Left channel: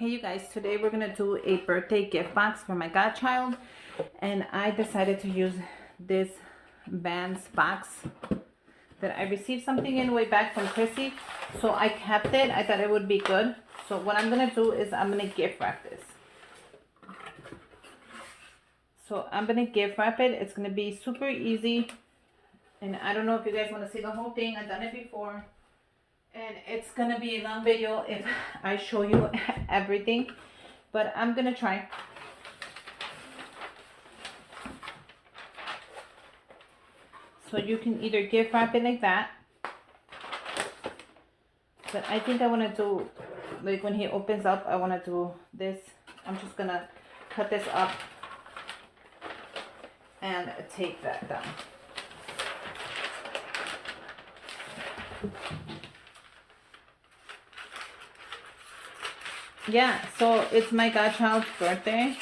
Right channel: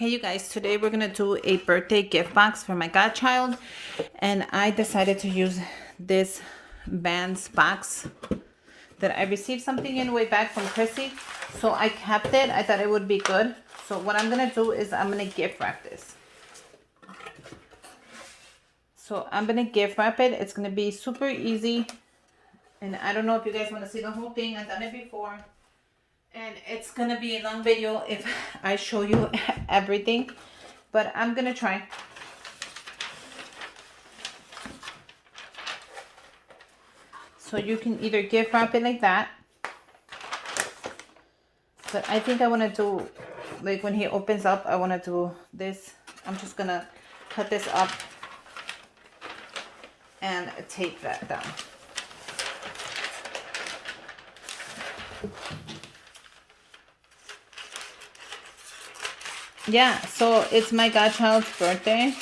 Hey you guys, today we're gonna do a birthday gift box for my godchild, and I decided to use this Vans box that I received something in way back from Chrissy, so I kept it. I thought it would be good. So what I'm gonna do is I'm gonna gift wrap this. So I'm gonna gift wrap it. It's gonna be super easy, and I don't know if you guys want to see the whole thing. I've done it before, and it's gonna be a long video if I show you everything, but I'm gonna try. So you can either gift wrap it like that, but I think I want to do, like when he opens up, I want to do this. I'm just gonna cut this up and tape that down. Yeah, so it's my godchild's birthday.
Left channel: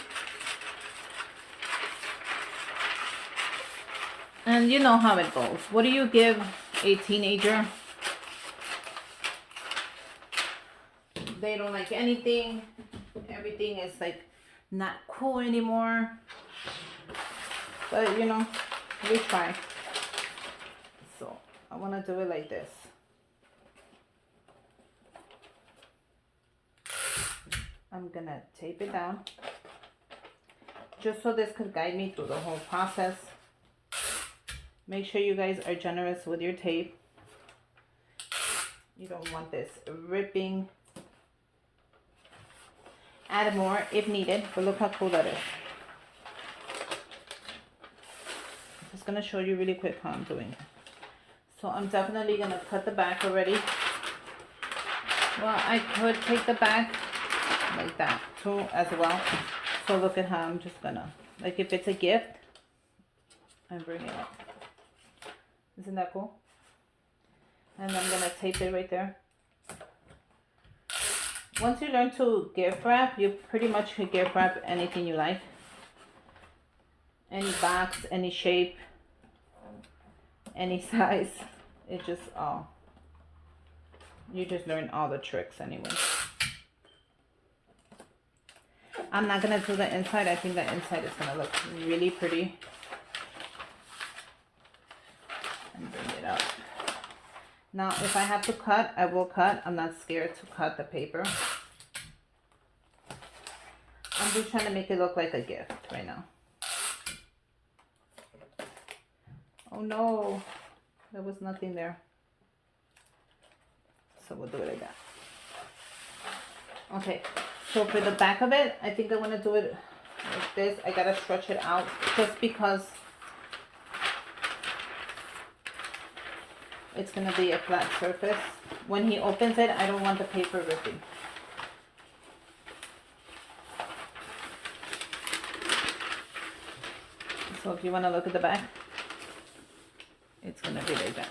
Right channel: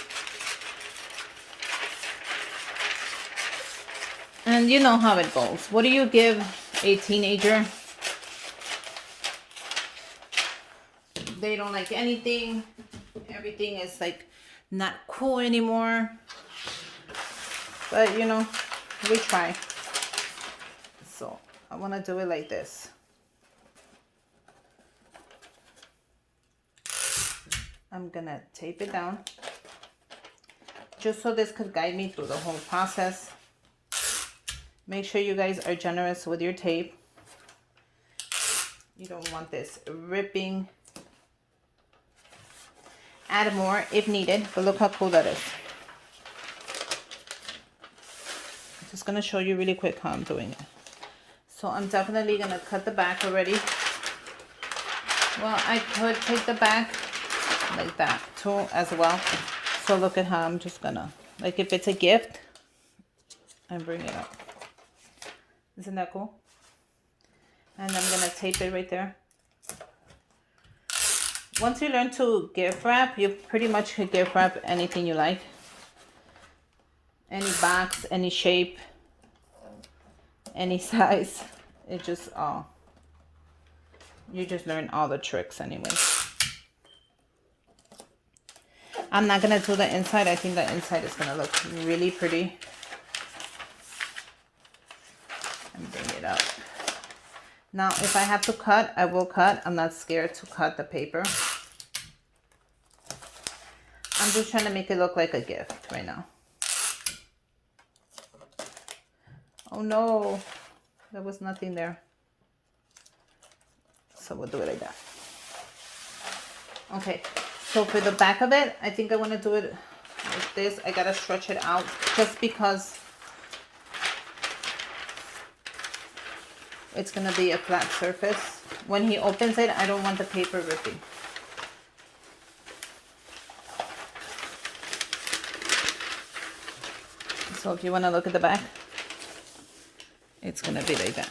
And you know how it goes. What do you give a teenager? They don't like anything. Everything is like not cool anymore. But you know, we try. So I want to do it like this. I'm gonna tape it down just so this could guide me through the whole process. Make sure you guys are generous with your tape. You don't want this ripping. Add more if needed, but look how cool that is. I'm just gonna show you really quick how I'm doing it. So I'm definitely gonna cut the back already. Well, I could take the back like that too as well. So look at how I'm just gonna, like if it's a gift, I bring it up. Isn't that cool? And I'm gonna tape it right there. Once you learn to gift wrap, you pretty much can gift wrap anything you like. Any box, any shape, any size. It just, you just learn all the tricks anyway. I'm not gonna do the inside. I think the inside is gonna look really pretty. And bring it up. Now, if I have to cut, I will cut. I'm not scared to cut the paper. I'm just trying to make it look like a gift right now. Oh no, there was nothing there. So we'll do it like that. Okay, so for the back of it, I think I want to do it like this. I gotta stretch it out just because it's gonna be a flat surface. When he opens it, I don't want the paper ripping. So if you want to look at the back, it's gonna be like that.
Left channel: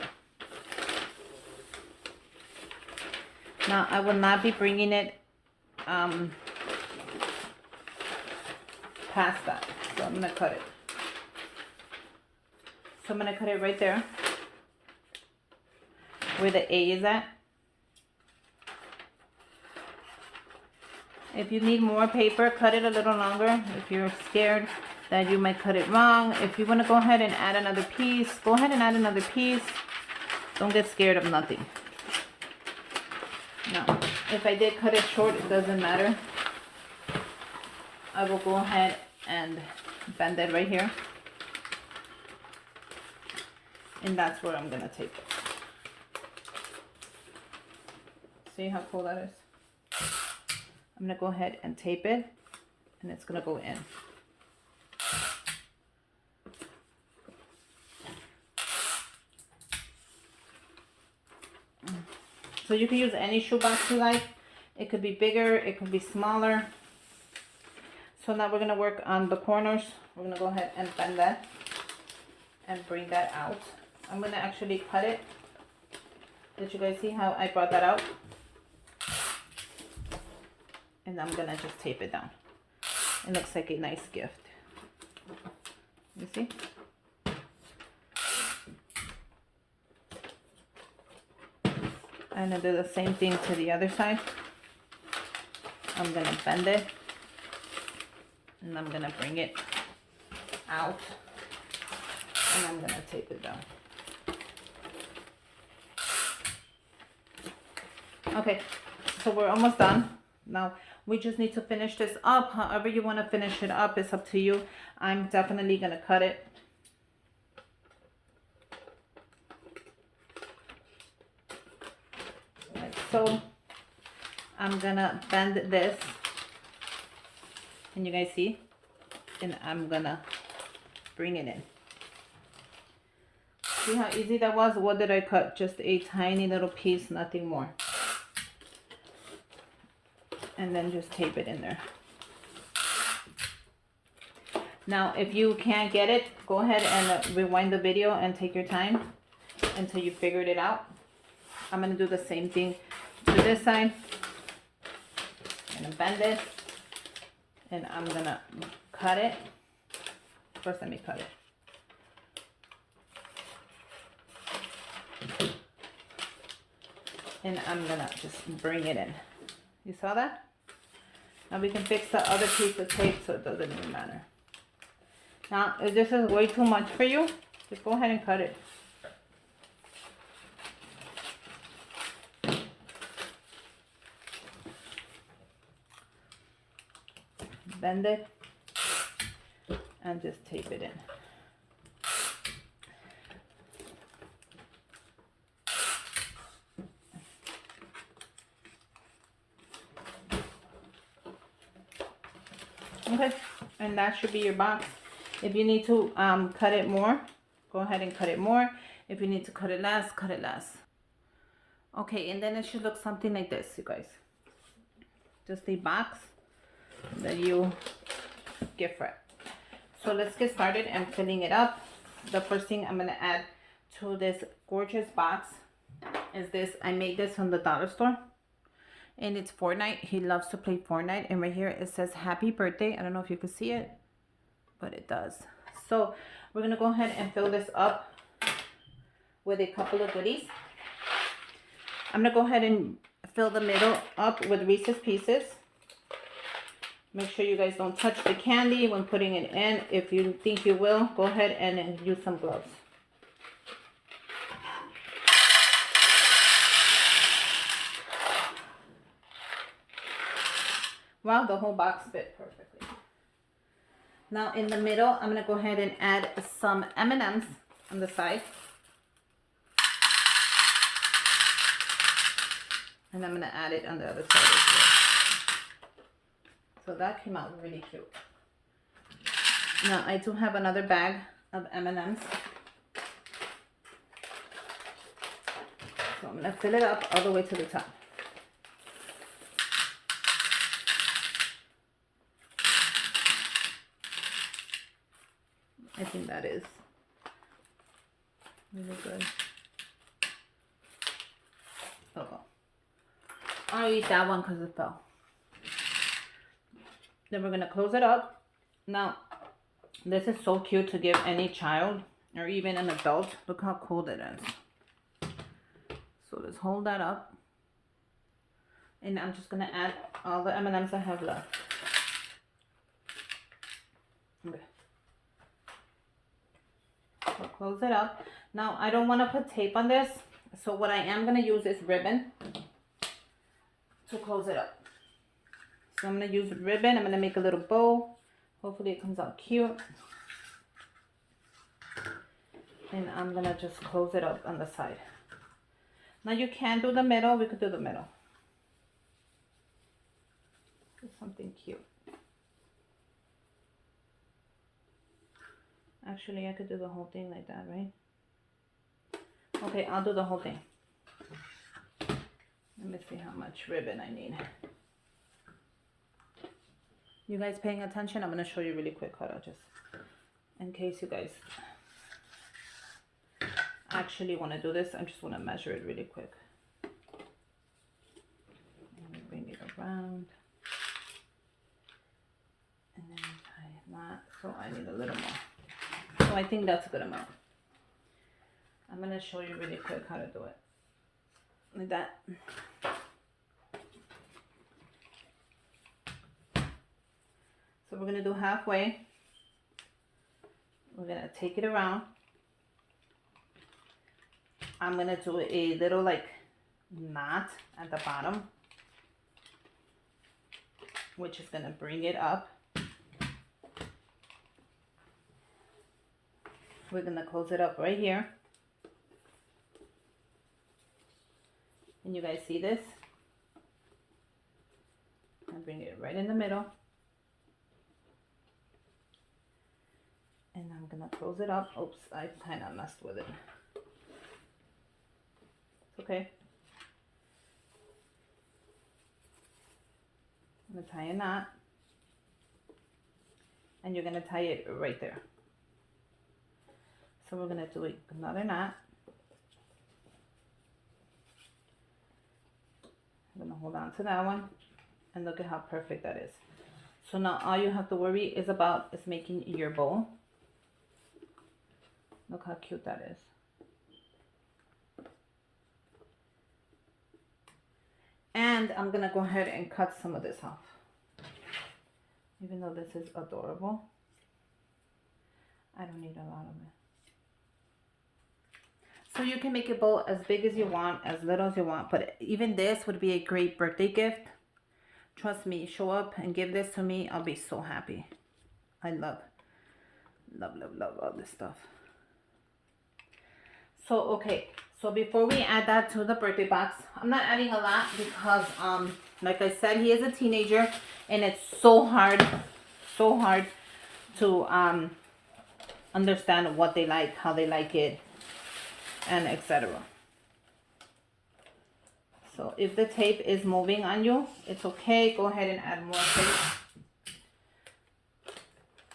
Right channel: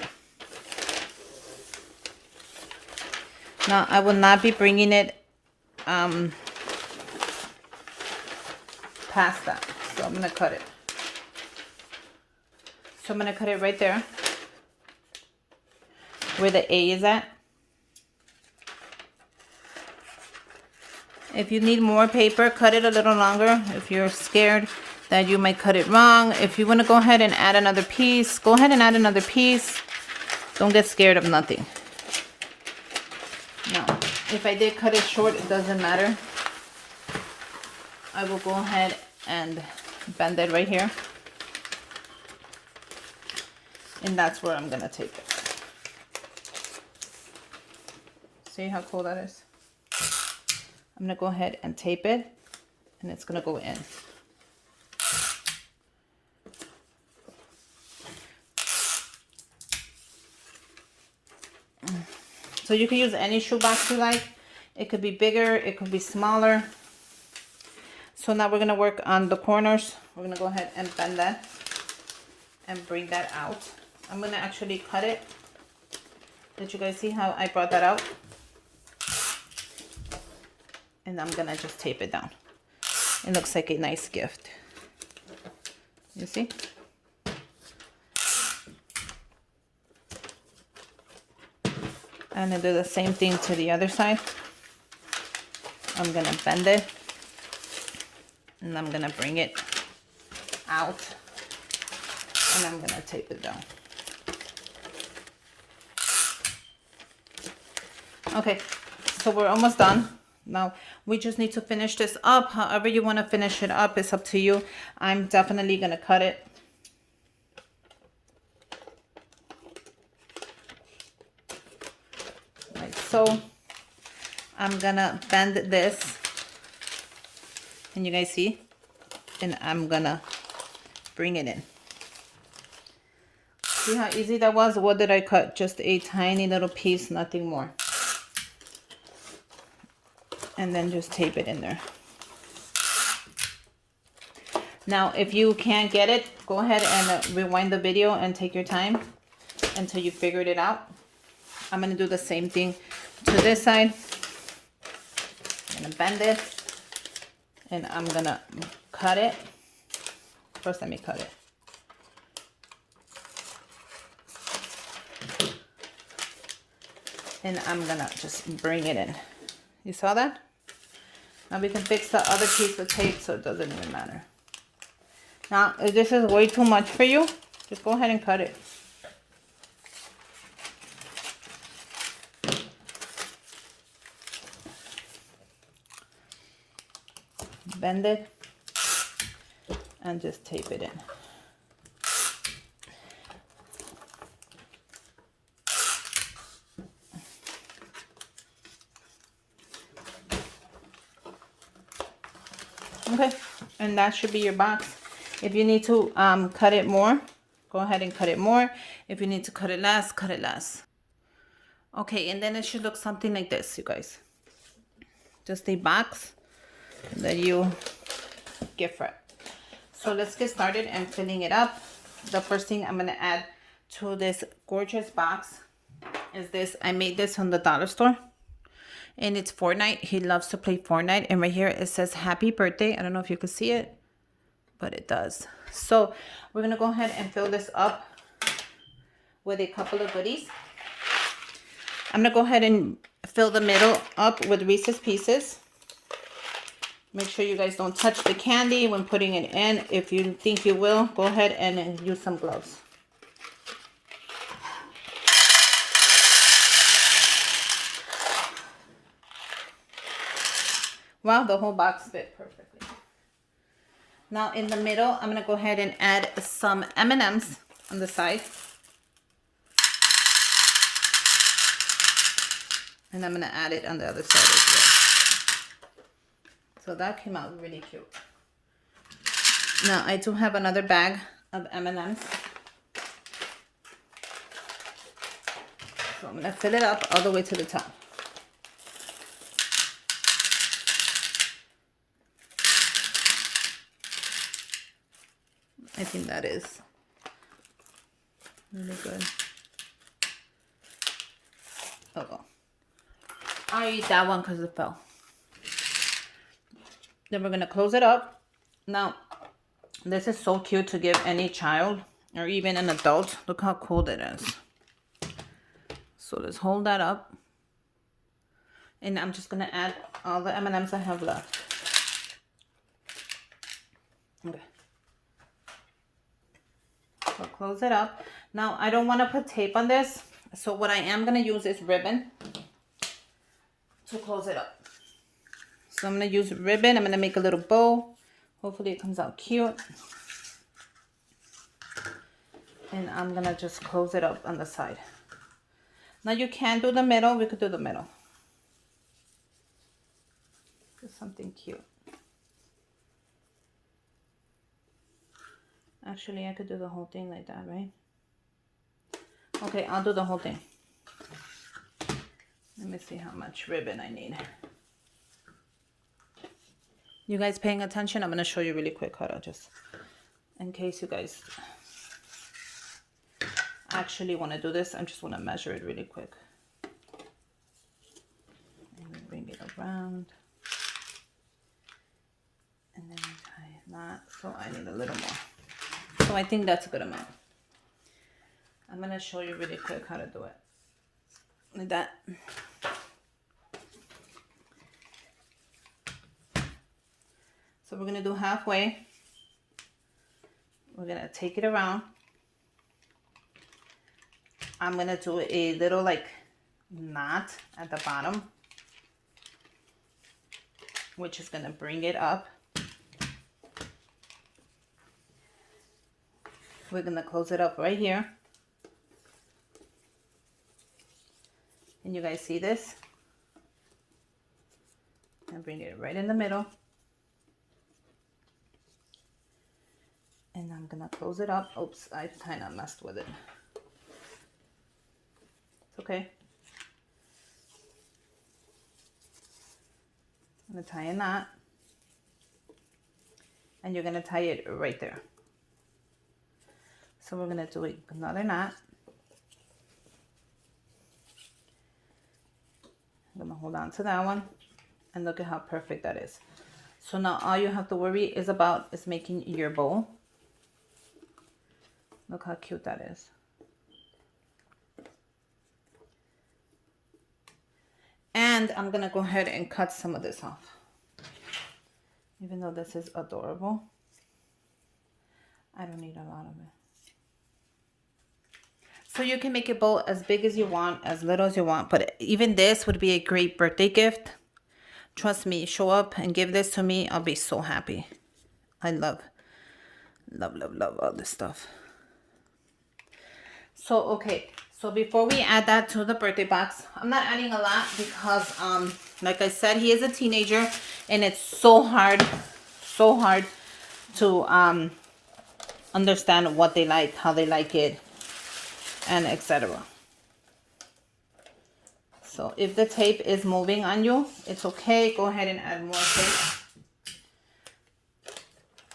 Now I will not be bringing it past that, so I'm gonna cut it. So I'm gonna cut it right there where the A is at. If you need more paper, cut it a little longer. If you're scared that you might cut it wrong, if you want to go ahead and add another piece, go ahead and add another piece. Don't get scared of nothing. Now, if I did cut it short, it doesn't matter. I will go ahead and bend it right here. And that's where I'm gonna tape it. See how cool that is? I'm gonna go ahead and tape it, and it's gonna go in. So you can use any shoebox you like. It could be bigger, it could be smaller. So now we're gonna work on the corners. We're gonna go ahead and bend that and bring that out. I'm gonna actually cut it. Did you guys see how I brought that out? And I'm gonna just tape it down. It looks like a nice gift. You see? And then do the same thing to the other side. I'm gonna bend it and I'm gonna bring it out and I'm gonna tape it down. Okay, so we're almost done. Now we just need to finish this up. However you want to finish it up, it's up to you. I'm definitely gonna cut it. Like so. I'm gonna bend this. And you guys see? And I'm gonna bring it in. See how easy that was? What did I cut? Just a tiny little piece, nothing more. And then just tape it in there. Now, if you can't get it, go ahead and rewind the video and take your time until you figured it out. I'm gonna do the same thing to this side. I'm gonna bend it and I'm gonna cut it. First, let me cut it. And I'm gonna just bring it in. You saw that? Now we can fix the other piece with tape so it doesn't even matter. Now, if this is way too much for you, just go ahead and cut it. Bend it and just tape it in. Okay, and that should be your box. If you need to cut it more, go ahead and cut it more. If you need to cut it less, cut it less. Okay, and then it should look something like this, you guys. Just a box that you gift wrap. So let's get started and filling it up. The first thing I'm gonna add to this gorgeous box is this. I made this from the dollar store. And it's Fortnite. He loves to play Fortnite. And right here it says happy birthday. I don't know if you can see it, but it does. So we're going to go ahead and fill this up with a couple of goodies. I'm going to go ahead and fill the middle up with Reese's Pieces. Make sure you guys don't touch the candy when putting it in. If you think you will, go ahead and use some gloves. Wow, the whole box fit perfectly. Now in the middle, I'm gonna go ahead and add some M&Ms on the side. And I'm gonna add it on the other side as well. So that came out really cute. Now I do have another bag of M&Ms. So I'm gonna fill it up all the way to the top. I think that is really good. Oh, I ate that one because it fell. Then we're gonna close it up. Now, this is so cute to give any child or even an adult. Look how cool that is. So let's hold that up. And I'm just gonna add all the M&Ms I have left. Okay. So close it up. Now I don't want to put tape on this, so what I am going to use is ribbon to close it up. So I'm going to use ribbon. I'm going to make a little bow. Hopefully it comes out cute. And I'm going to just close it up on the side. Now you can do the middle. We could do the middle. Do something cute. Actually, I could do the whole thing like that, right? Okay, I'll do the whole thing. Let me see how much ribbon I need. You guys paying attention? I'm going to show you really quick how to just, in case you guys actually want to do this, I just want to measure it really quick. And bring it around. And then tie that. So I need a little more. So I think that's a good amount. I'm going to show you really quick how to do it. Like that. So we're gonna do halfway. We're gonna take it around. I'm gonna do a little like knot at the bottom, which is gonna bring it up. We're gonna close it up right here. And you guys see this? And bring it right in the middle. And I'm gonna close it up. Oops, I kind of messed with it. It's okay. I'm gonna tie a knot. And you're gonna tie it right there. So we're gonna do another knot. I'm gonna hold on to that one. And look at how perfect that is. So now all you have to worry is about is making your bow. Look how cute that is. And I'm gonna go ahead and cut some of this off. Even though this is adorable, I don't need a lot of it. So you can make a bow as big as you want, as little as you want, but even this would be a great birthday gift. Trust me, show up and give this to me. I'll be so happy. I love all this stuff. So, okay. So before we add that to the birthday box, I'm not adding a lot because, like I said, he is a teenager and it's so hard to understand what they like, how they like it, and etc. So if the tape is moving on you, it's okay. Go ahead and add more tape.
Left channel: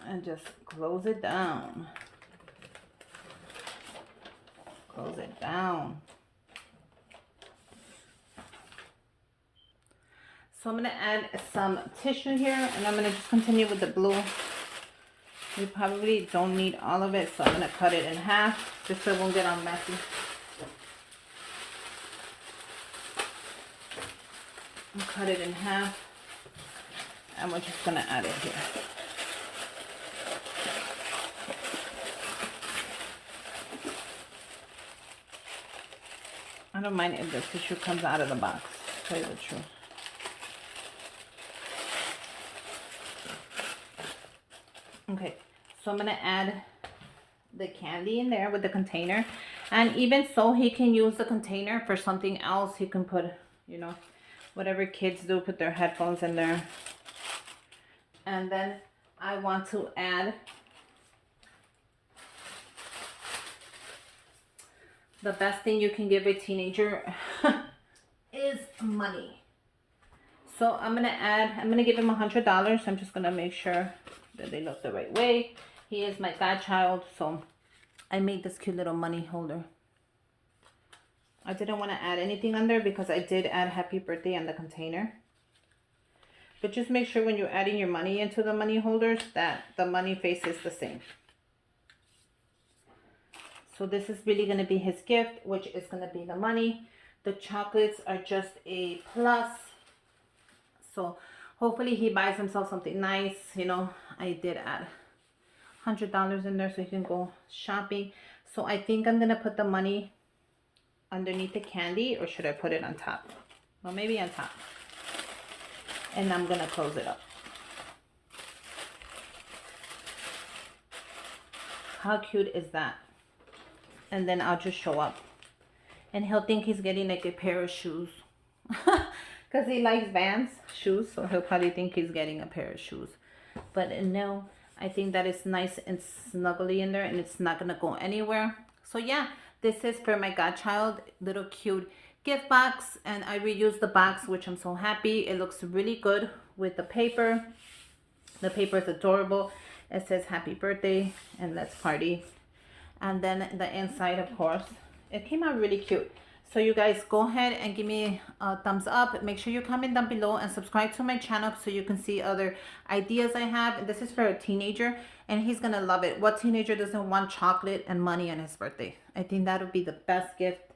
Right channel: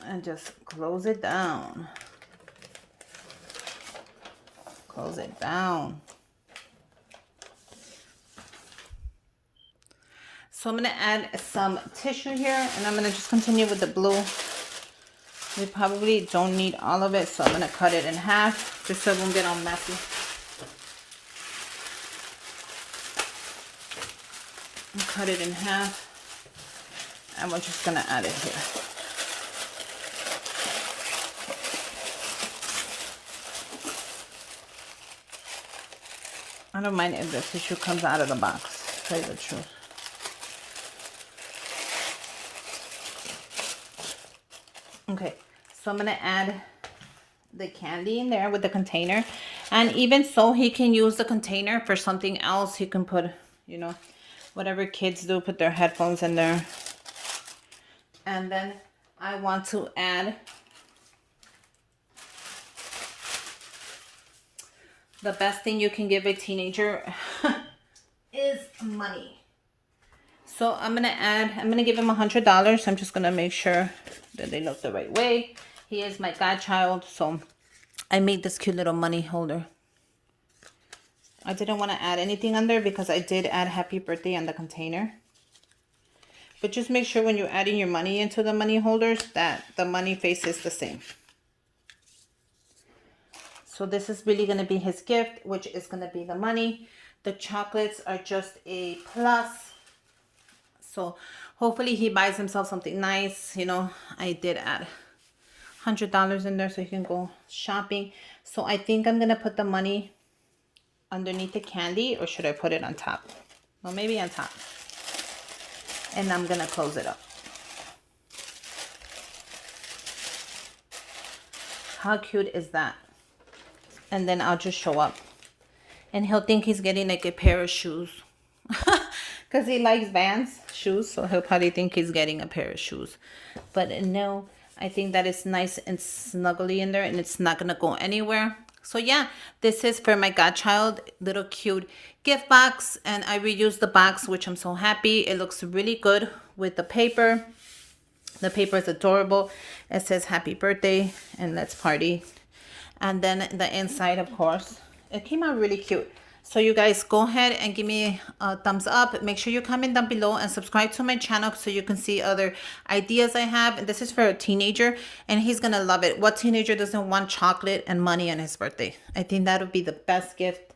And just close it down. Close it down. So I'm going to add some tissue here. And I'm going to just continue with the blue. We probably don't need all of it. So I'm going to cut it in half. Just so it won't get all messy. Cut it in half, and we're just gonna add it here. I don't mind if the tissue comes out of the box, to tell you the truth. Okay, so I'm gonna add the candy in there with the container, and even so, he can use the container for something else. He can put, you know, whatever kids do, put their headphones in there. And then I want to add the best thing you can give a teenager is money. So I'm gonna give him $100. I'm just gonna make sure that they look the right way. He is my godchild, so I made this cute little money holder. I didn't want to add anything on there because I did add happy birthday on the container. But just make sure when you're adding your money into the money holders that the money face is the same. So this is really going to be his gift, which is going to be the money. The chocolates are just a plus. So hopefully he buys himself something nice. You know, I did add $100 in there so he can go shopping. So I think I'm going to put the money underneath the candy, or should I put it on top? Well, maybe on top. And I'm gonna close it up. How cute is that? And then I'll just show up. And he'll think he's getting like a pair of shoes. Because he likes Vans shoes, so he'll probably think he's getting a pair of shoes. But no, I think that it's nice and snuggly in there and it's not gonna go anywhere. So yeah, this is for my godchild, little cute gift box, and I reused the box, which I'm so happy. It looks really good with the paper. The paper is adorable. It says happy birthday and let's party. And then the inside, of course, it came out really cute. So you guys go ahead and give me a thumbs up. Make sure you comment down below and subscribe to my channel so you can see other ideas I have. And this is for a teenager and he's going to love it. What teenager doesn't want chocolate and money on his birthday? I think that would be the best gift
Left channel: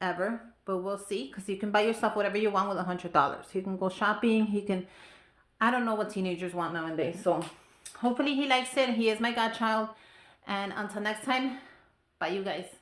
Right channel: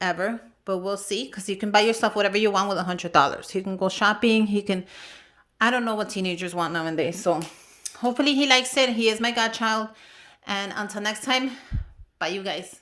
ever. But we'll see, because you can buy yourself whatever you want with $100. He can go shopping. He can I don't know what teenagers want nowadays. So hopefully he likes it. He is my godchild. And until next time, bye, you guys.